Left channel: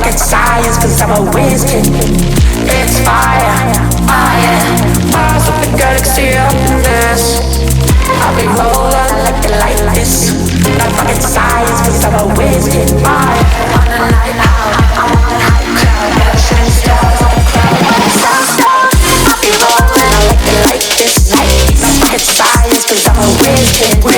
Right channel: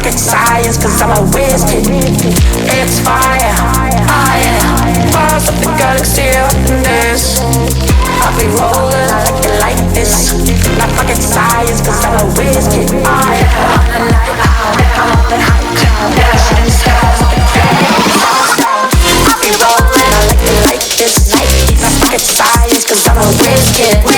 rocket science, cause I'm a whiz kid. It's fire, fire, fire from the galaxy up in this. I'll be rolling like you like this. Not rocket science, cause I'm a whiz kid. Fire, on the night out, I'm on the high cloud, shooting stars with the crowd, on the sun's out. I'll be rolling, I like it like this. Not rocket science, cause I'm a whiz kid.